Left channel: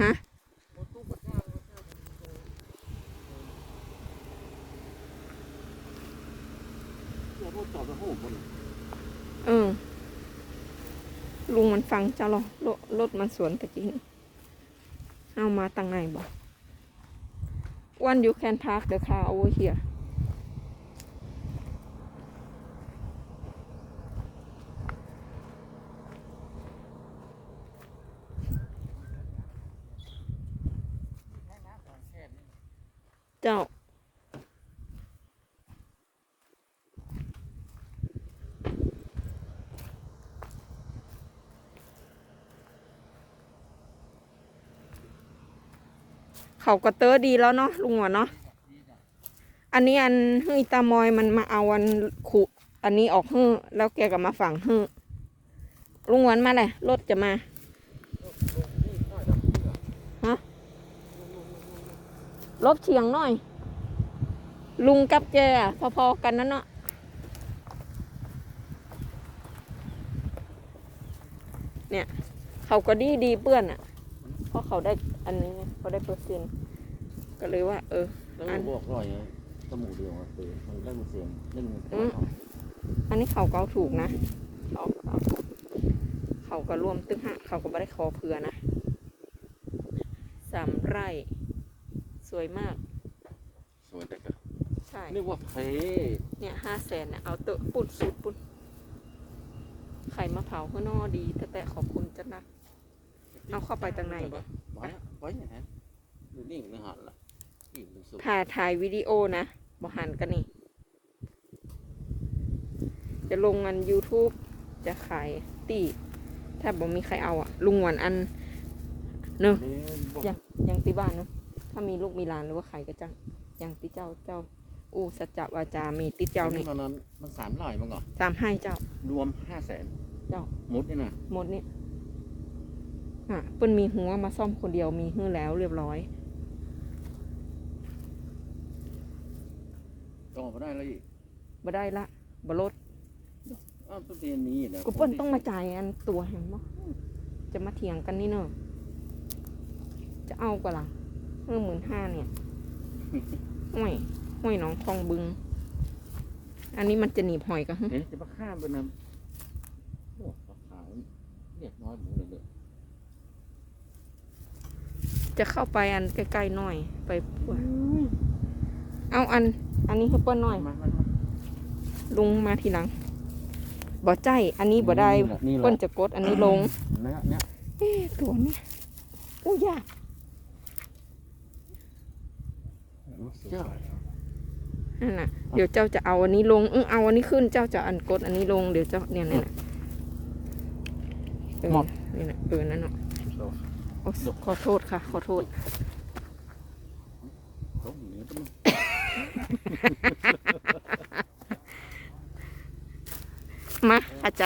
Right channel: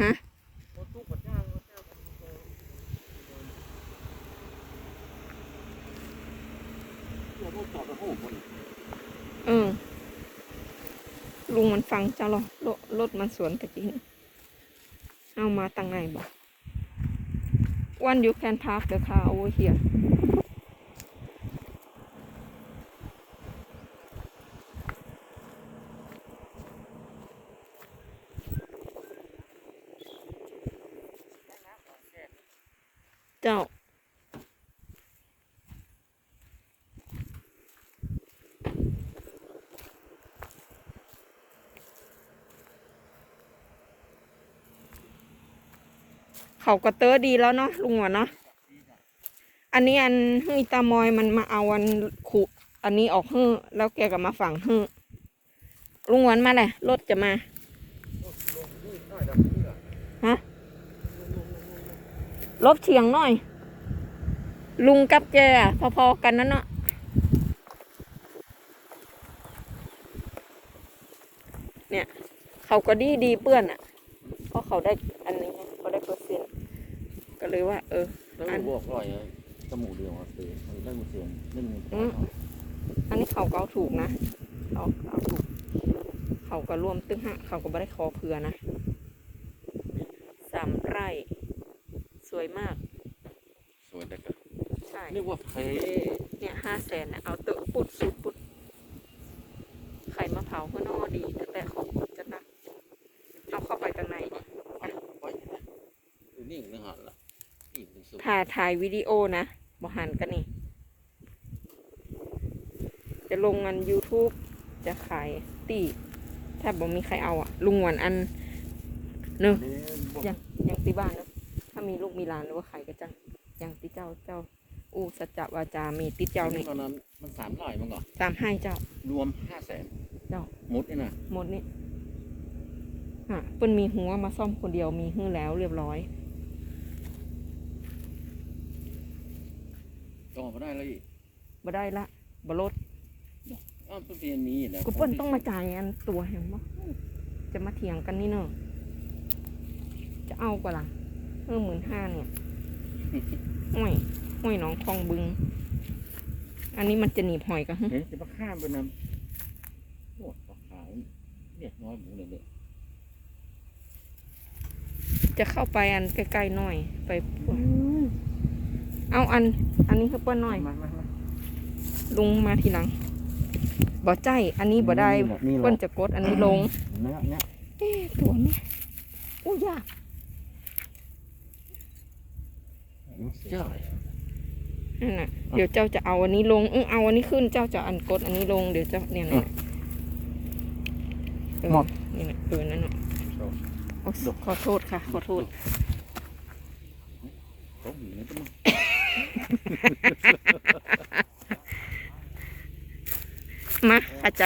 ฮะเออ ลุงมันฟังเจ้าหรอรถรถมันสวนตะกี้นี่เอามาตั้งไงบ่ One you can park the car over here เจ้า เขาก็เตอดีแล้วเนาะลุงหวะเนาะอันนี้อันฮือตามอยมันมาเอาอันขุอันนี้ออกฮือแล้วแกก็มาฝังฮือลุงหวันมาเลยรถจะมา ฮะ รถเฉียงหน่อย ลุงกับแกอะพอๆกันนั่นเนาะเนี่ยเขาก็ดีดีเปื้อนอะเพราะเขาได้อันนี้ไงเขาได้เปอร์เซ็นต์ก็เลยว่า เออได้บวกร้อยนะจมูกเดียวครับเออมันได้หมดเสียงได้เงินอืมอันนี้เขาก็เอาถูกนะเขาก็เอาถูกเขาก็รวมตึ้งห้าเขาก็ไม่ได้คอเผื่อนะสามไร่ สวยมาก สวยแต่ก็ใช่นึกว่าเพเนี่ยห้าแสนเนี่ยเอาเตอะปุดสุดปุดไข่มะพร้าวข้างนอกดี แต่แต่ของคนจะหนักเอาเข้าไปตางในดิไว้นะดูนี่ไม่หันละนี่มันสุดถ่ายถ่ายวิดีโอนะบอหันกันนี่ จะลงอัน YouTube จะขายตีถ้าบอกมีใครเอาอะลุงหวันอันเนอะนี่บอกยังยังตีบ้านเนอะ ถ้ามีลูกมีหลานหรือว่าใครก็จังยังติเจ้าเจ้า อู้สัจจะวาจามีติเจ้านี่ตอนนั้นมันสามร้อยมั้งเหรอตามให้เจ้า รวมห้าแสนเจ้า มุดนี่นะหมดนี่ฮะเปิ้นมีหัวมาซ่อมคนเดียวมีหื้อแล้วเรียบร้อยต่อมาได้แล้วอีกบ่ได้ละบ่ลดอ้าวต้องเป็นนี้แหละกูเปิ้นต้องมาจ่ายอันตัวเห็นบ่จะมาเถียงกันนี่เนอะจะเอากว่าล่ะ เออหมื่นห้าเนี่ยห้วยห้วยหน้องคลองบึง อันนี้มันจะหนีบหอยกันเอ๊ะจะมาข้ามไปนำโอ้ปลาขาวเรียกน้อยหมูเลยเด้อจะเข้าไปอันใกล้ๆหน่อย ไปพวกเอาอัน อันนี้คือเปิ้นหน่อยมามามาลุงมาทีหลังบ่ใจ อันนี้บ่ได้นี่แหละนี่แหเปิ้นละจะกดอันนี้ลงเนี่ยเนี่ยเอ๊ะตัวนี้อู้ยาก เจ้านั่นน่ะเดี๋ยวเจ้าจะเอาอันนี้ลงเออเอาอันนี้ขึ้นเจ้าจะอันกดอันนี้ลงเดี๋ยวเจ้าเนี่ยเนี่ยเออหมดนี่แหละเออนั่นน่ะโอ้ขอโทษค่ะ ขอโทษเขาหนีต้องมาเข้าใจ